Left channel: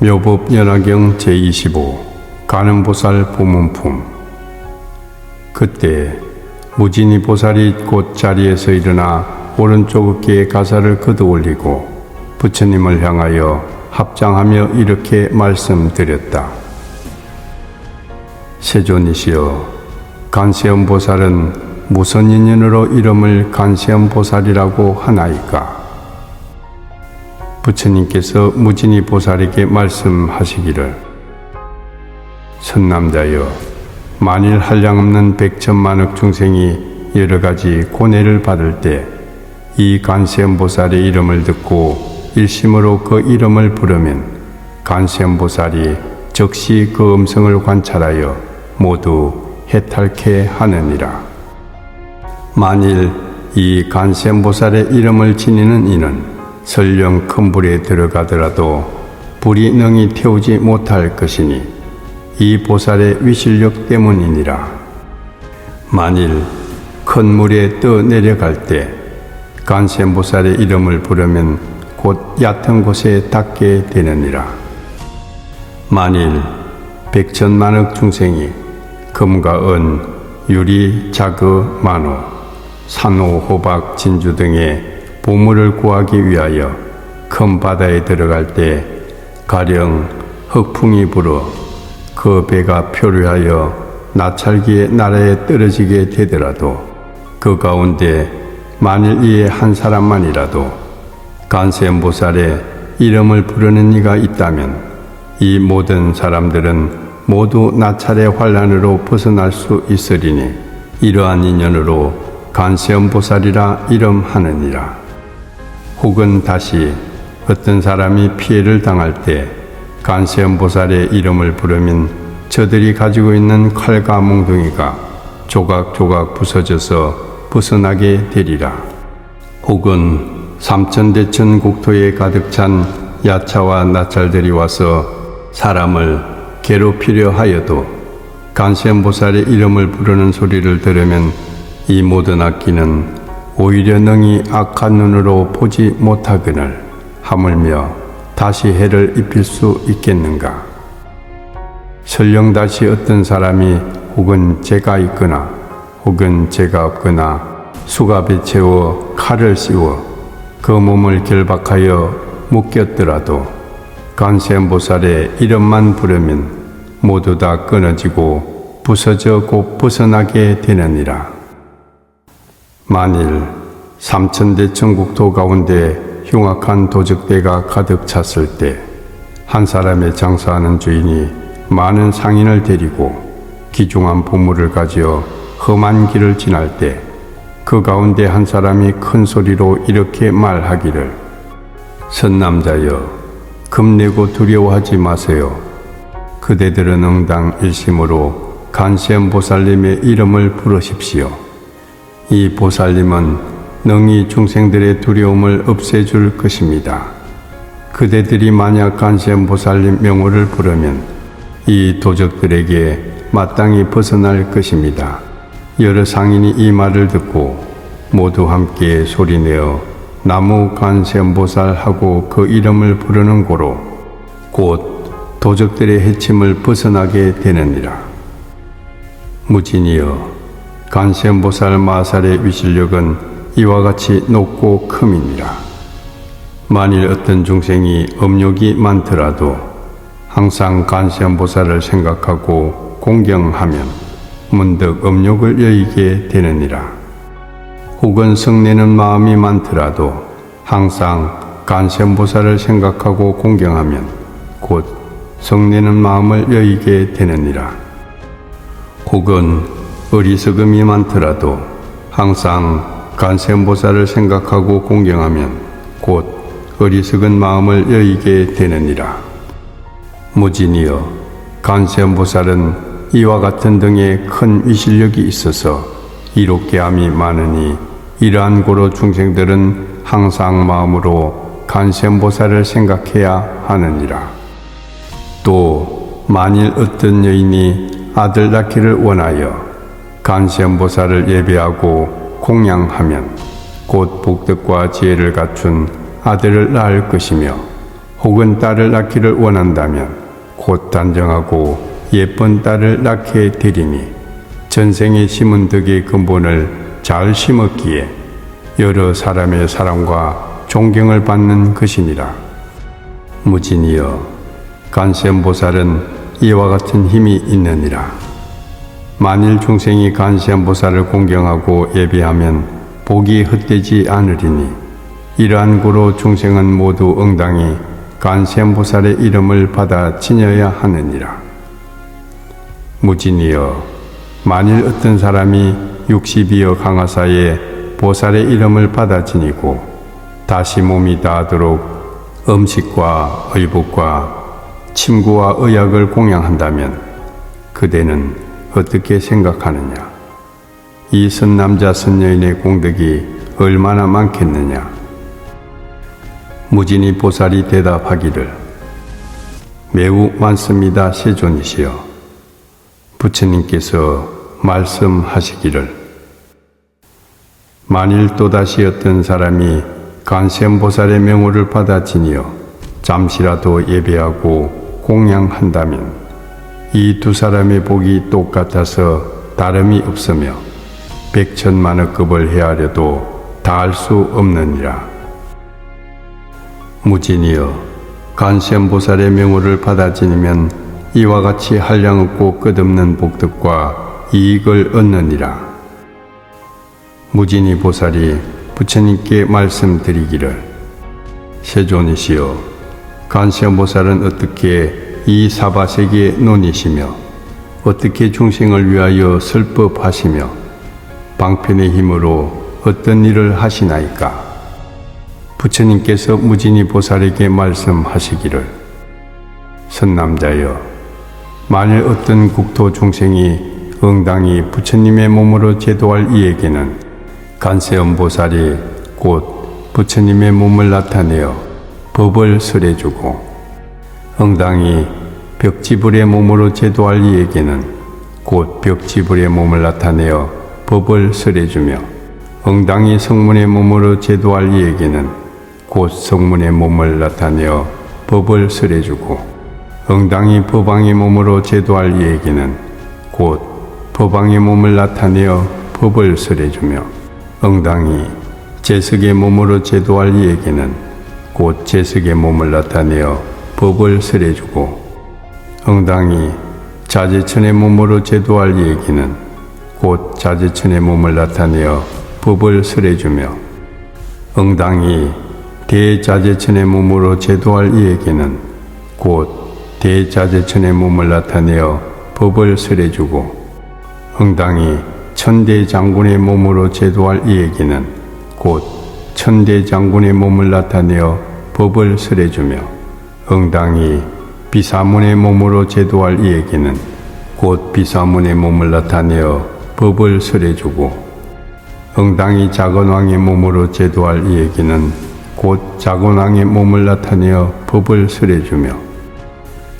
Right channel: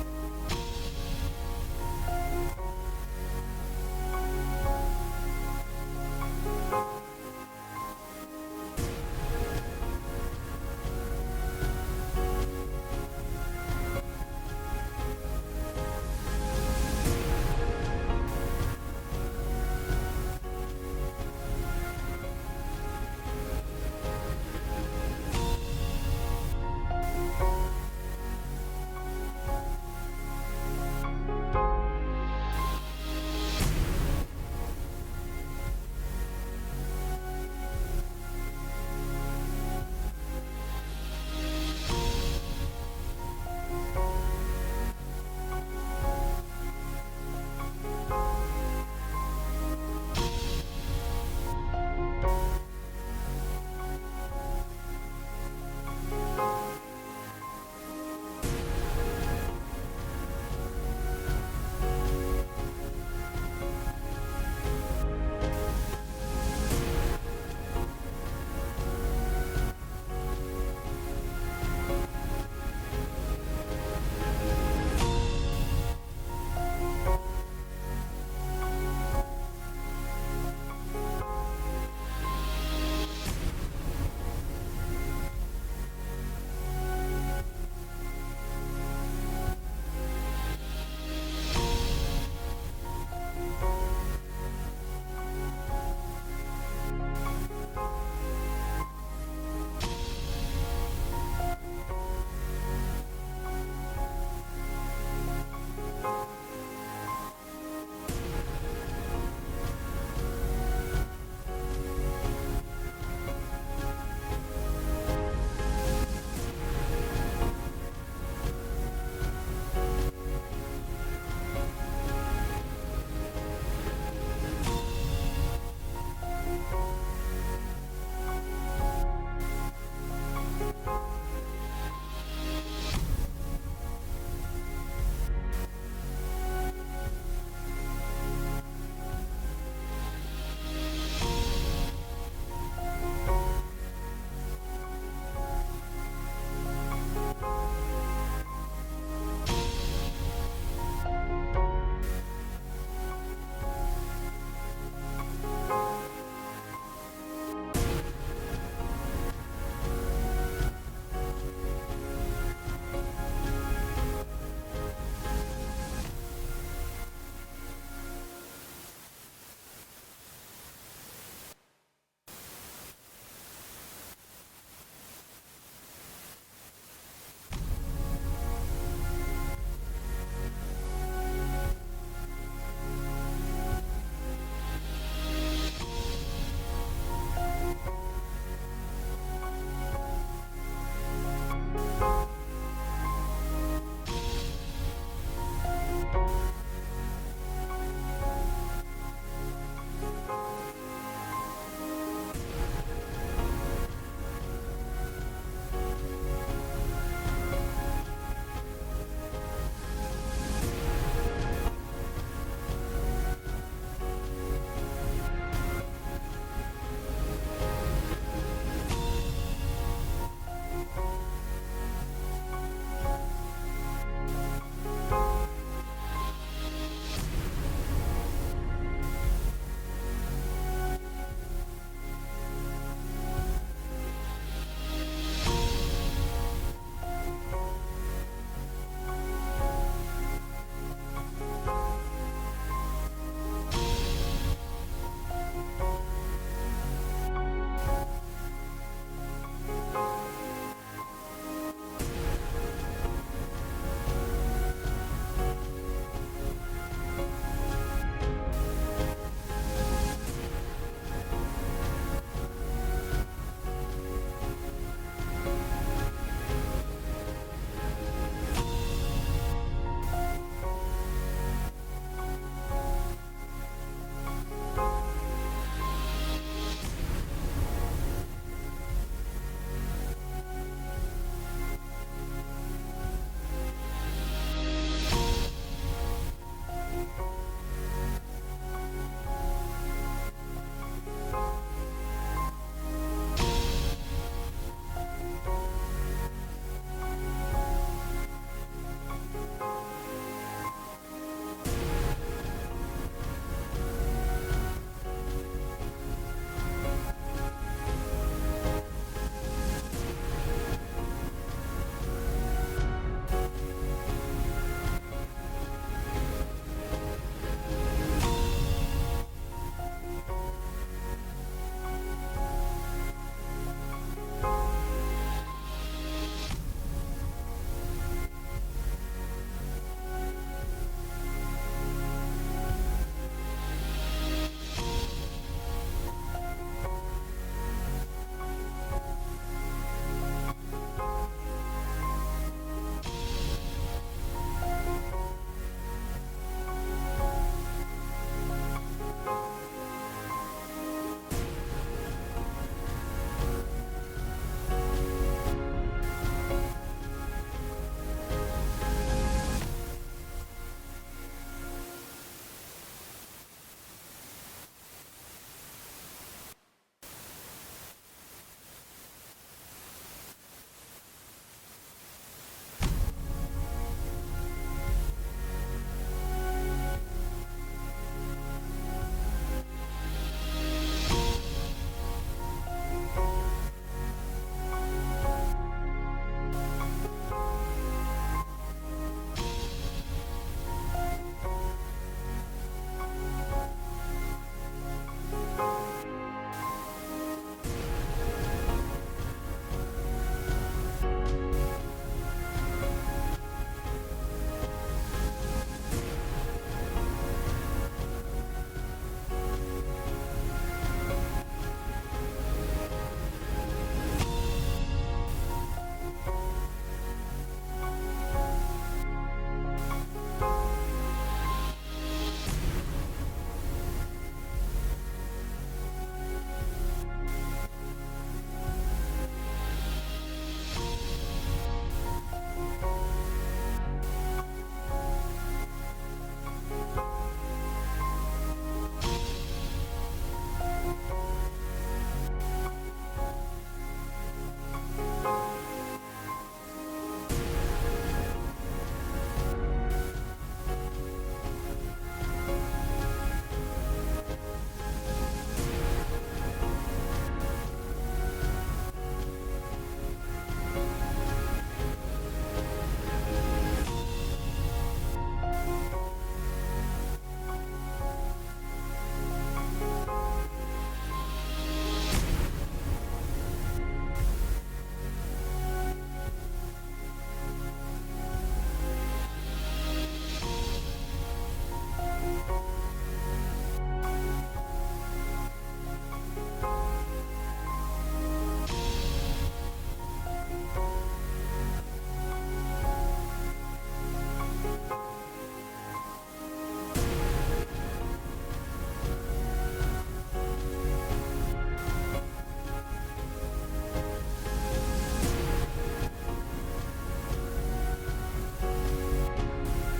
묘법 연화경 제25 관음보살 부문품. 그때 무진이 보살이 곧 자리에서 일어나 오른쪽 어깨에 가사를 걷어올리고 부처님을 향하여 합장하며 이렇게 말씀드렸다. 세존이시여, 간세음보살은 무슨 인연으로 이름을 간세음보살이라고 하나이까? 부처님께서 무진이 보살에게 말씀하시기를, 선남자여, 만일 한량없는 백천만억 중생이 여러가지 고뇌를 받을 때 이 간세음보살의 이름을 듣고 일심으로 그 이름을 부르면 간세음보살이 즉시 그 음성을 관찰하여 모두 해탈케 하느니라. 만일 이 간세음보살의 이름을 지니는 이는 설령 큰 불에 들어가더라도 불이 능히 태우지 못할 것이니 이 보살의 위실력 때문이니라. 만일 큰 물에 떠 내려갈 때 간세음보살의 이름을 부르면 곧 얕은 곳에 닿게 되느니라. 만일 백천만억 중생이 금과 은, 유리, 자그, 만호, 산호, 호박, 진주 등의 보물을 구하기 위하여 큰 바다에 들어갈 때 가령 흑풍이 불어 그 배가 표류하여 나찰기의 나라에 떨어지게 되더라도 그 가운데 만일 이에 한 사람만이라도 간세음보살의 이름을 부르는 이가 있다면 이 모든 사람들은 모두 나찰의 환란으로 벗어날 수 있으리니 이러한 인연으로 간세음보살이라 이름하느니라. 혹은 다시 어떤 사람이 피해를 당할 때 간세음보살의 이름을 부르면 저들이 가지고 있는 칼과 몽둥이가 조각조각 부서져서 벗어나게 되리라. 혹은 삼천대천 국토에 가득 찬 야차와 나찰들이 와서 사람을 괴롭히려 하여도 간세음보살의 이름을 부르는 소리를 들으면 이 모든 악기는 오히려 능히 악한 눈으로 보지 못하거늘 하물며 다시 해를 입힐 수 있겠는가? 설령 다시 어떤 사람이 혹은 죄가 있거나 혹은 죄가 없거나 수갑에 채워 칼을 씌워 그 몸을 결박하여 묶였더라도 간세음보살의 이름만 부르면 모두 다 끊어지고 부서져 곧 벗어나게 되느니라. 만일 삼천대천 국토 가운데 흉악한 도적대가 가득 찼을 때 한 사람의 장사하는 주인이 많은 상인을 데리고 귀중한 보물을 가지어 험한 길을 지날 때 그 가운데 한 사람이 큰 소리로 이렇게 말하기를, 선남자여, 겁내고 두려워하지 마세요. 그대들은 응당 일심으로 간세음보살님의 이름을 부르십시오. 이 보살님은 능히 중생들의 두려움을 없애줄 것입니다. 그대들이 만약 간세음보살님 명호를 부르면 이 도적들에게 마땅히 벗어날 것입니다. 여러 상인이 이 말을 듣고 모두 함께 소리내어 나무 간세음보살 하고 그 이름을 부르는 고로 곧 도적들의 해침을 벗어나게 되느니라. 무진이여, 간세음보살 마살의 위실력은 이와 같이 높고 큼이니라. 만일 어떤 중생이 업욕이 많더라도 항상 간세음보살을 생각하고 공경하면 문득 업욕을 여의게 되느니라. 혹은 성내는 마음이 많더라도 항상 간세음보살을 생각하고 공경하면 곧 성내는 마음을 여의게 되느니라. 혹은 어리석음이 많더라도 항상 간세음보살을 생각하고 공경하면 곧 어리석은 마음을 여의게 되느니라. 무진이여, 간세음보살은 이와 같은 등의 큰 위실력이 있어서 이롭게 함이 많으니 이러한 고로 중생들은 항상 마음으로 간세음보살을 생각해야 하느니라. 또 만일 어떤 여인이 아들 낳기를 원하여 간세음보살을 예배하고 공양하면 곧 복덕과 지혜를 갖춘 아들을 낳을 것이며, 혹은 딸을 낳기를 원한다면 곧 단정하고 예쁜 딸을 낳게 되리니 전생에 심은 덕의 근본을 잘 심었기에 여러 사람의 사랑과 존경을 받는 것이니라. 무진이여, 간세음보살은 이와 같은 힘이 있느니라. 만일 중생이 간세음보살을 공경하고 예배하면 복이 헛되지 않으리니 이러한 고로 중생은 모두 응당히 간세음보살의 이름을 받아 지녀야 하느니라. 무진이여, 만일 어떤 사람이 60여 강화사에 보살의 이름을 받아 지니고 다시 몸이 다하도록 음식과 의복과 침구와 의약을 공양한다면 그대는 어떻게 생각하느냐? 이 선남자 선여인의 공덕이 얼마나 많겠느냐? 무진이 보살이 대답하기를 매우 많습니다. 세존이시여. 부처님께서 말씀하시기를 만일 또다시 어떤 사람이 간세음보살의 명호를 받아 지니어 잠시라도 예배하고 공양한다면 이 두 사람의 복이 똑같아서 다름이 없으며 백천만억급을 헤아려도 다할 수 없느니라. 무진이여, 간세음보살의 명호를 받아 지니면 이와 같이 한량없고 끝없는 복덕과 이익을 얻느니라. 무진이 보살이 부처님께 말씀드리기를 세존이시여, 간세음보살은 어떻게 이 사바세계의 논이시며 어떻게 중생을 위하여 설법하시며 방편의 힘으로 어떤 일을 하시나이까? 부처님께서 무진이 보살에게 말씀하시기를 선남자여, 만일 어떤 국토 중생이 응당히 부처님의 몸으로 제도할 이에게는 간세음보살이 곧 부처님의 몸을 나타내어 법을 설해주고 응당히 벽지불의 몸으로 제도할 이에게는 곧 벽지불의 몸을 나타내어 법을 설해주며 응당히 성문의 몸으로 제도할 이에게는 곧 성문의 몸을 나타내어 법을 설해주고 응당히 법왕의 몸으로 제도할 이에게는 곧 법왕의 몸을 나타내어 법을 설해주며 응당히 제석의 몸으로 제도할 이에게는 곧 제석의 몸을 나타내어 법을 설해주고 응당히 자제천의 몸으로 제도할 이에게는 곧 자제천의 몸을 나타내어 법을 설해주며 응당히 대자제천의 몸으로 제도할 이에게는 곧 대자제천의 몸을 나타내어 법을 설해주고 응당히 천대장군의 몸으로 제도할 이에게는 곧 천대장군의 몸을 나타내어 법을 설해주며 응당히 비사문의 몸으로 제도할 이에게는 곧 비사문의 몸을 나타내어 법을 설해주고 응당히 작은왕의 몸으로 제도할 이에게는 곧 작은왕의 몸을 나타내어 법을 설해주며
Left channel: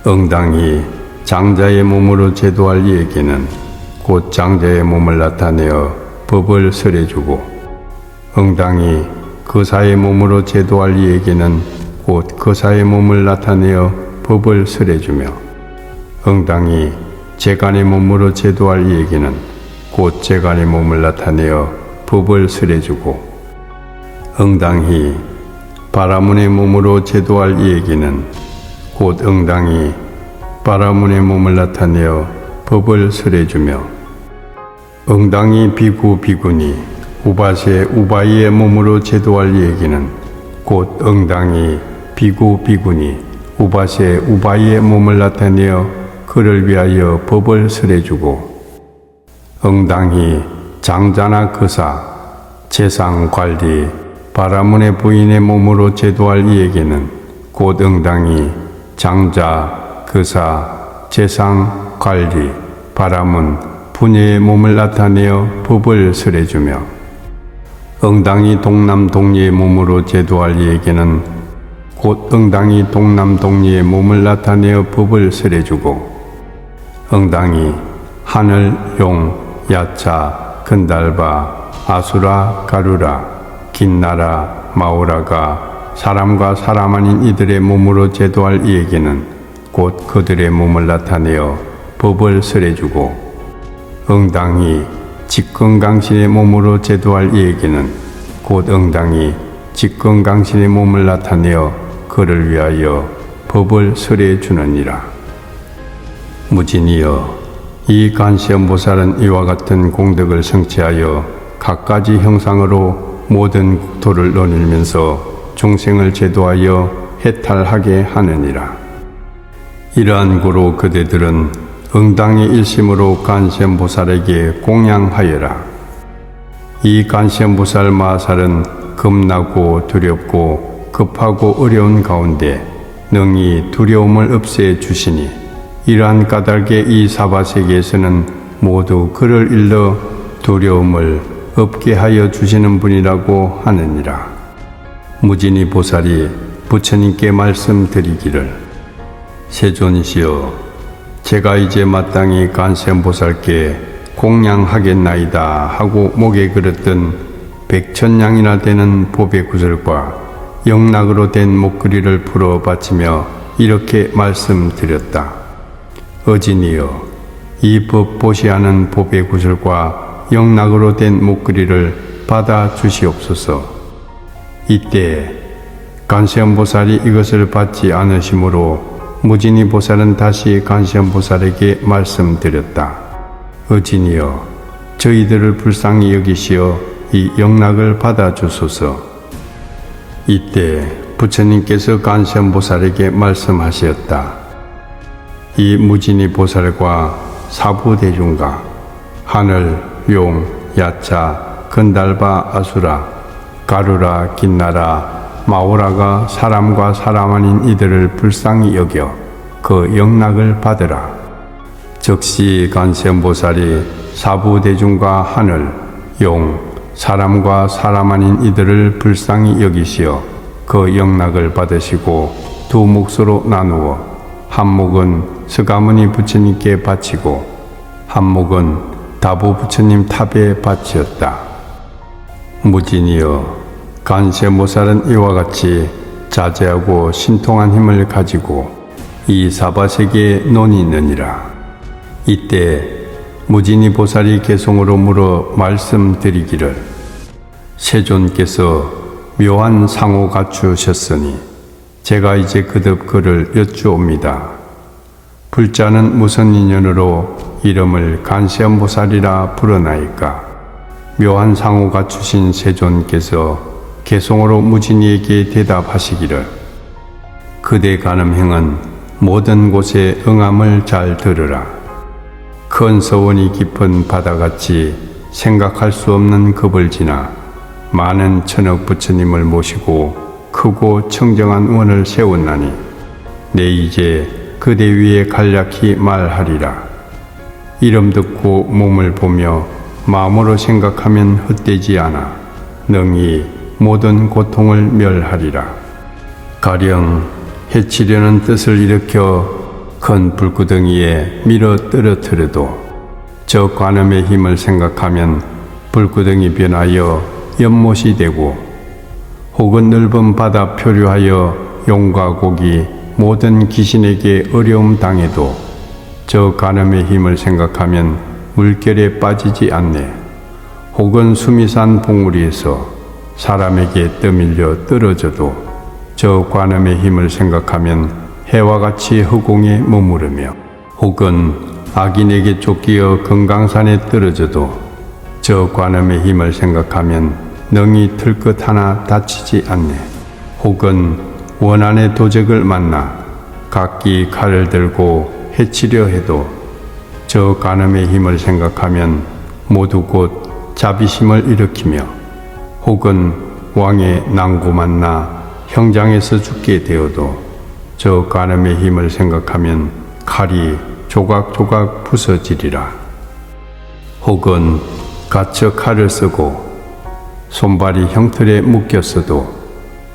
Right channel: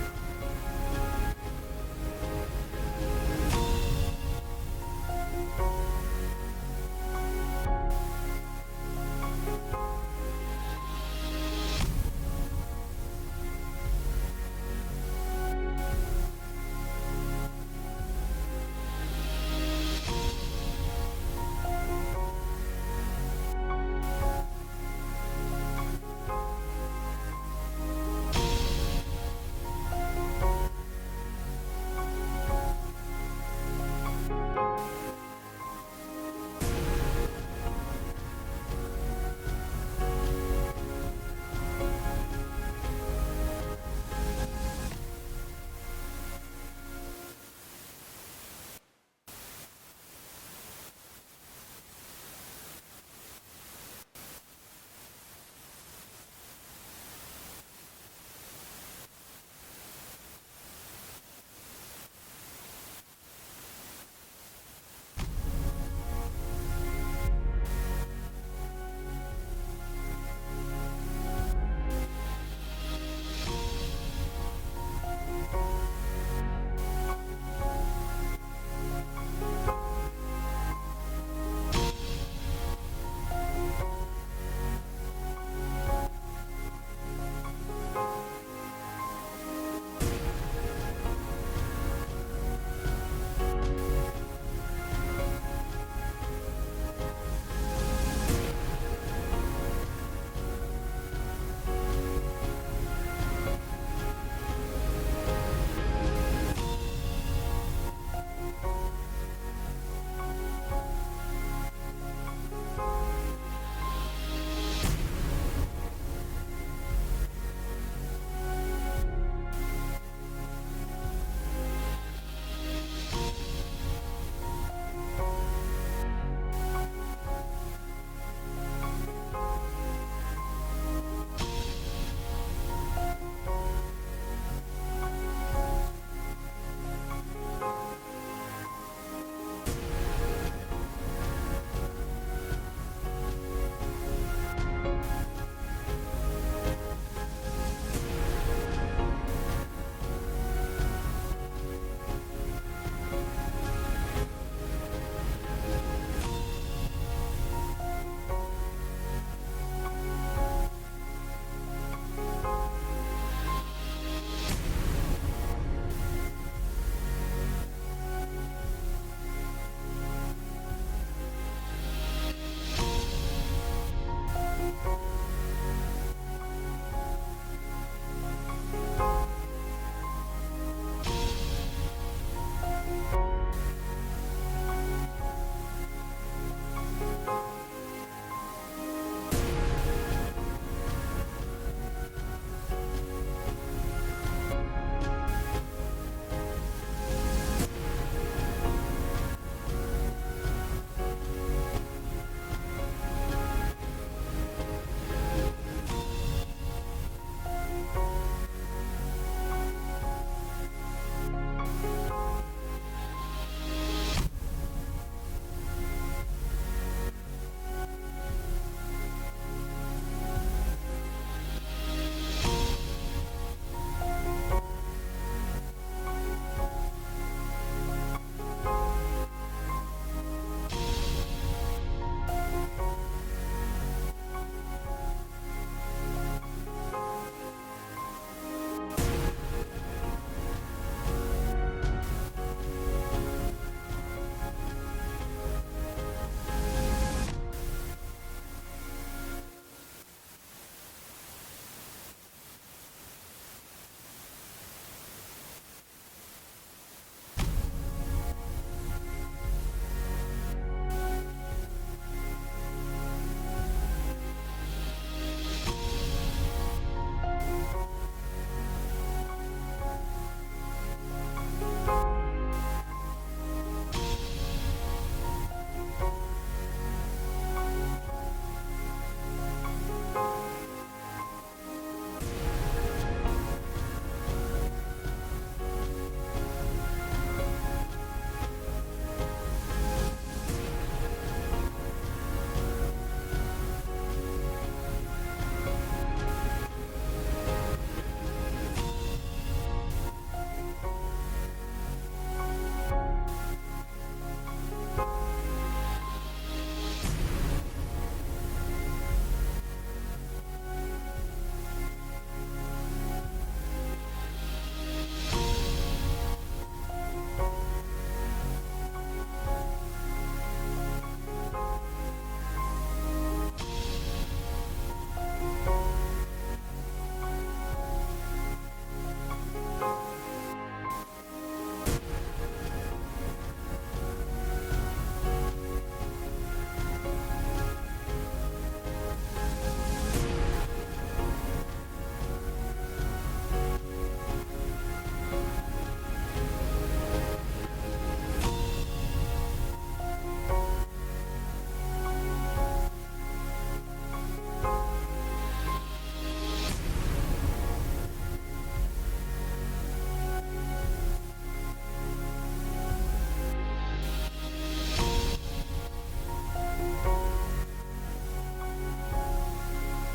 응당히 장자의 몸으로 제도할 이에게는 곧 장자의 몸을 나타내어 법을 설해주고 응당히 거사의 몸으로 제도할 이에게는 곧 거사의 몸을 나타내어 법을 설해주며 응당히 재간의 몸으로 제도할 이에게는 곧 재간의 몸을 나타내어 법을 설해주고 응당히 바라문의 몸으로 제도할 이에게는 곧 응당히 바라문의 몸을 나타내어 법을 설해주며 응당히 비구 비구니 우바세 우바이의 몸으로 제도할 이에게는 곧 응당히 비구 비구니 우바세 우바이의 몸을 나타내어 그를 위하여 법을 설해주고 응당히 장자나 거사 재상 관리 바라문의 부인의 몸으로 제도할 이에게는 곧 응당히 장자, 거사, 재상, 관리, 바라문, 부녀의 몸을 나타내어 법을 설해주며 응당히 동남 동리의 몸으로 제도할 이에게는 곧 응당히 동남 동리의 몸을 나타내어 법을 설해주고 응당히 하늘, 용, 야차, 근달바, 아수라, 가루라, 긴나라, 마오라가 사람과 사람 아닌 이들의 몸으로 제도할 이에게는 곧 그들의 몸을 나타내어 법을 설해주고, 응당히 직권강신의 몸으로 제도할 이에게는 곧 응당히 직권강신의 몸을 나타내어 그를 위하여 법을 설해주느니라. 무진이여, 이 간세음보살은 이와 같은 공덕을 성취하여 갖가지 형상으로 모든 국토를 논일면서 중생을 제도하여 해탈하게 하느니라. 이러한 고로 그대들은 응당의 일심으로 간세음보살에게 공양하여라. 이 간세음보살 마하살은 겁나고 두렵고 급하고 어려운 가운데 능히 두려움을 없애 주시니, 이러한 까닭에 이 사바세계에서는 모두 그를 일러 두려움을 없게 하여 주시는 분이라고 하느니라. 무진이 보살이 부처님께 말씀드리기를, 세존이시여, 제가 이제 마땅히 간세음보살께 공양하겠나이다 하고 목에 걸었던 100,000냥이나 되는 보배 구슬과 영락으로 된 목걸이를 풀어 바치며 이렇게 말씀드렸다. 어진이여, 이 법 보시하는 보배 구슬과 영락으로 된 목걸이를 받아 주시옵소서. 이때 간세음보살이 이것을 받지 않으시므로 무진이 보살은 다시 간세음보살에게 말씀드렸다. 어진이여, 저희들을 불쌍히 여기시어 이 영락을 받아 주소서. 이때 부처님께서 간세음보살에게 말씀하셨다. 이 무진이 보살과 사부대중가, 하늘, 용, 야차, 건달바, 아수라, 가루라, 긴나라, 마오라가 사람과 사람 아닌 이들을 불쌍히 여겨 그 영락을 받으라. 즉시 간세음보살이 사부대중과 하늘, 용, 사람과 사람 아닌 이들을 불쌍히 여기시어 그 영락을 받으시고 두 몫으로 나누어 한 몫은 스가모니 부처님께 바치고 한 몫은 다부 부처님 탑에 바치었다. 무진이여, 간세모살은 이와 같이 자제하고 신통한 힘을 가지고 이 사바세계에 논이 있느니라. 이때 무진이 보살이 개송으로 물어 말씀드리기를, 세존께서 묘한 상호 갖추셨으니 제가 이제 그듭 그를 여쭈옵니다. 불자는 무슨 인연으로 이름을 간세음보살이라 부르나이까? 묘한 상호 갖추신 세존께서 개송으로 무진이에게 대답하시기를, 그대 가늠행은 모든 곳에 응함을 잘 들으라. 큰 서원이 깊은 바다같이 생각할 수 없는 급을 지나 많은 천억 부처님을 모시고 크고 청정한 원을 세웠나니 내 이제 그대 위에 간략히 말하리라. 이름 듣고 몸을 보며 마음으로 생각하면 헛되지 않아 능히 모든 고통을 멸하리라. 가령 해치려는 뜻을 일으켜 큰 불구덩이에 밀어 떨어뜨려도 저 관음의 힘을 생각하면 불구덩이 변하여 연못이 되고, 혹은 넓은 바다 표류하여 용과 고기 모든 귀신에게 어려움 당해도 저 간음의 힘을 생각하면 물결에 빠지지 않네. 혹은 수미산 봉우리에서 사람에게 떠밀려 떨어져도 저 관음의 힘을 생각하면 해와 같이 허공에 머무르며, 혹은 악인에게 쫓기어 금강산에 떨어져도 저 관음의 힘을 생각하면 능히 틀끝 하나 다치지 않네. 혹은 원한의 도적을 만나 각기 칼을 들고 해치려 해도 저 간음의 힘을 생각하면 모두 곧 자비심을 일으키며, 혹은 왕의 난구 만나 형장에서 죽게 되어도 저 간음의 힘을 생각하면 칼이 조각조각 부서지리라. 혹은 갇혀 칼을 쓰고 손발이 형틀에 묶였어도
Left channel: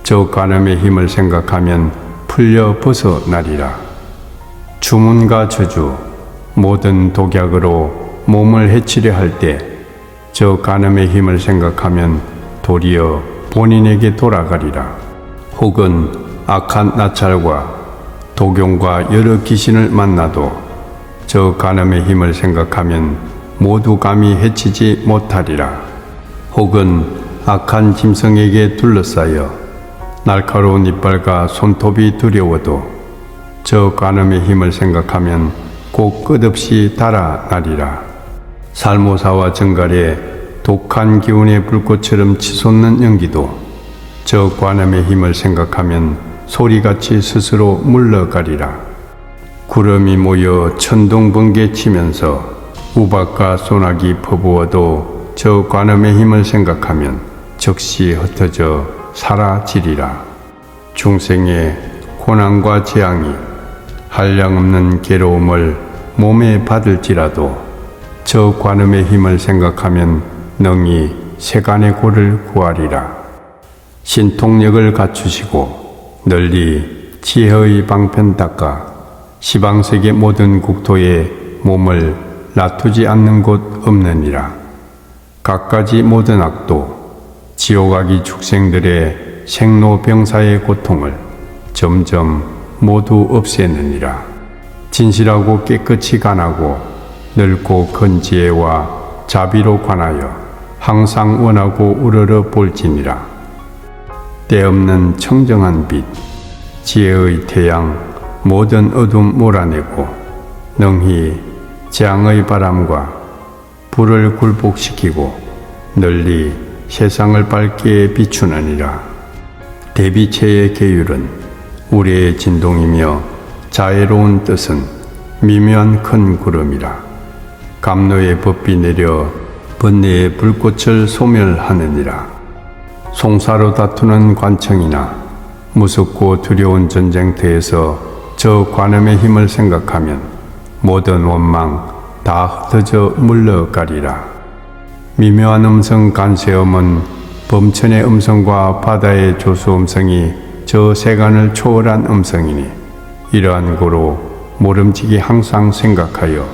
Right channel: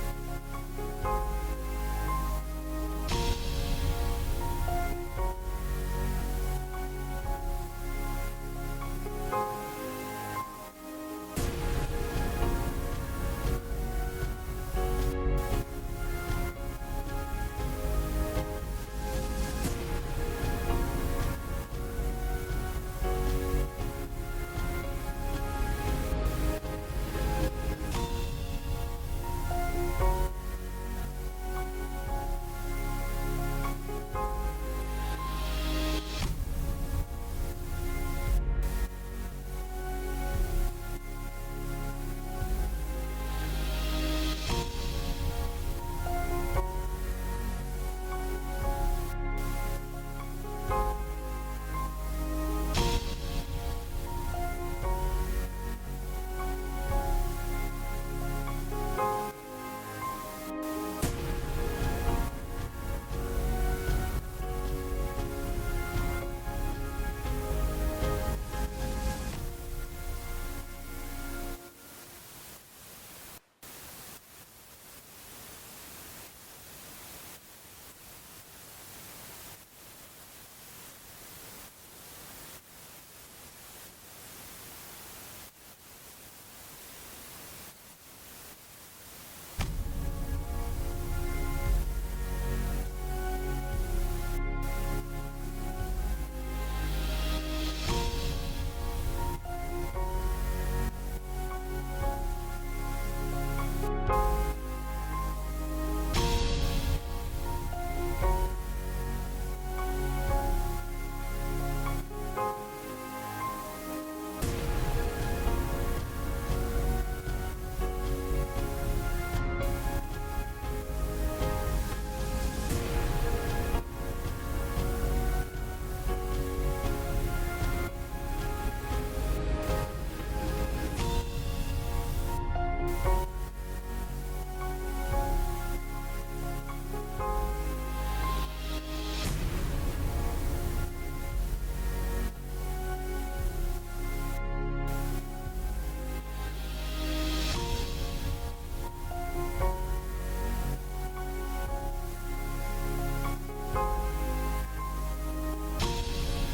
저 간음의 힘을 생각하면 풀려 벗어나리라. 주문과 저주, 모든 독약으로 몸을 해치려 할 때 저 간음의 힘을 생각하면 도리어 본인에게 돌아가리라. 혹은 악한 나찰과 도경과 여러 귀신을 만나도 저 간음의 힘을 생각하면 모두 감히 해치지 못하리라. 혹은 악한 짐승에게 둘러싸여 날카로운 이빨과 손톱이 두려워도 저 간음의 힘을 생각하면 곧 끝없이 달아나리라. 살모사와 정갈에 독한 기운의 불꽃처럼 치솟는 연기도 저 관음의 힘을 생각하면 소리같이 스스로 물러가리라. 구름이 모여 천둥 번개 치면서 우박과 소나기 퍼부어도 저 관음의 힘을 생각하면 즉시 흩어져 사라지리라. 중생의 고난과 재앙이 한량없는 괴로움을 몸에 받을지라도 저 관음의 힘을 생각하면 능히 세간의 고를 구하리라. 신통력을 갖추시고 널리 지혜의 방편 닦아 시방세계 모든 국토에 몸을 놔두지 않는 곳 없느니라. 갖가지 모든 악도 지옥아기 축생들의 생로병사의 고통을 점점 모두 없애느니라. 진실하고 깨끗이 관하고 넓고 큰 지혜와 자비로 관하여 항상 원하고 우러러 볼지니라. 때없는 청정한 빛, 지혜의 태양, 모든 어둠 몰아내고 능히 재앙의 바람과 불을 굴복시키고 널리 세상을 밝게 비추느니라. 대비체의 계율은 우리의 진동이며 자애로운 뜻은 미묘한 큰 구름이라. 감로의 법비 내려 번뇌의 불꽃을 소멸하느니라. 송사로 다투는 관청이나 무섭고 두려운 전쟁터에서 저 관음의 힘을 생각하면 모든 원망 다 흩어져 물러가리라. 미묘한 음성 간세음은 범천의 음성과 바다의 조수 음성이 저 세간을 초월한 음성이니 이러한 고로 모름지기 항상 생각하여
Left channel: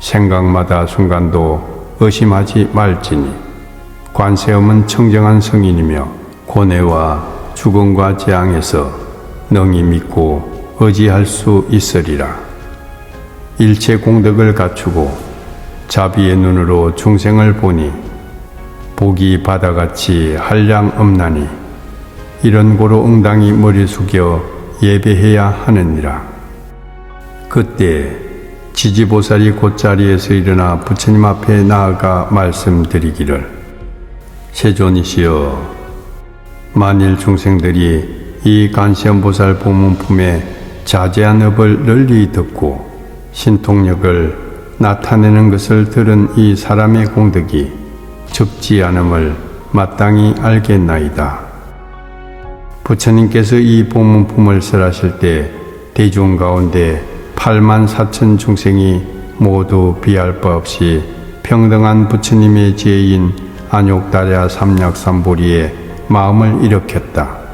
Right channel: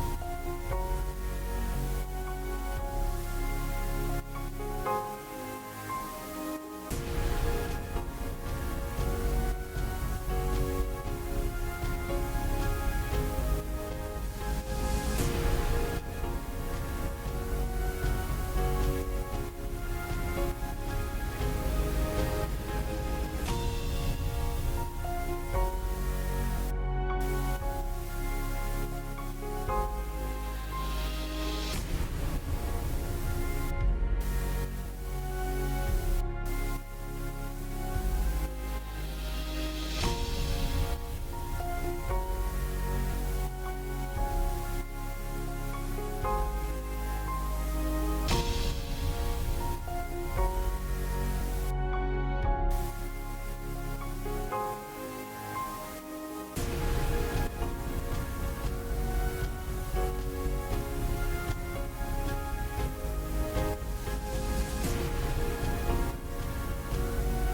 생각마다 순간도 의심하지 말지니 관세음은 청정한 성인이며 고뇌와 죽음과 재앙에서 능히 믿고 의지할 수 있으리라. 일체 공덕을 갖추고 자비의 눈으로 중생을 보니 복이 바다같이 한량 없나니 이런 고로 응당히 머리 숙여 예배해야 하느니라. 그때 지지보살이 곧자리에서 일어나 부처님 앞에 나아가 말씀드리기를, 세존이시여, 만일 중생들이 이 간시엄보살 보문품의 자제한 업을 널리 듣고 신통력을 나타내는 것을 들은 이 사람의 공덕이 적지 않음을 마땅히 알겠나이다. 부처님께서 이 보문품을 설하실 때 대중 가운데 84,000 중생이 모두 비할 바 없이 평등한 부처님의 제인 안욕다랴 삼약삼보리에 마음을 일으켰다.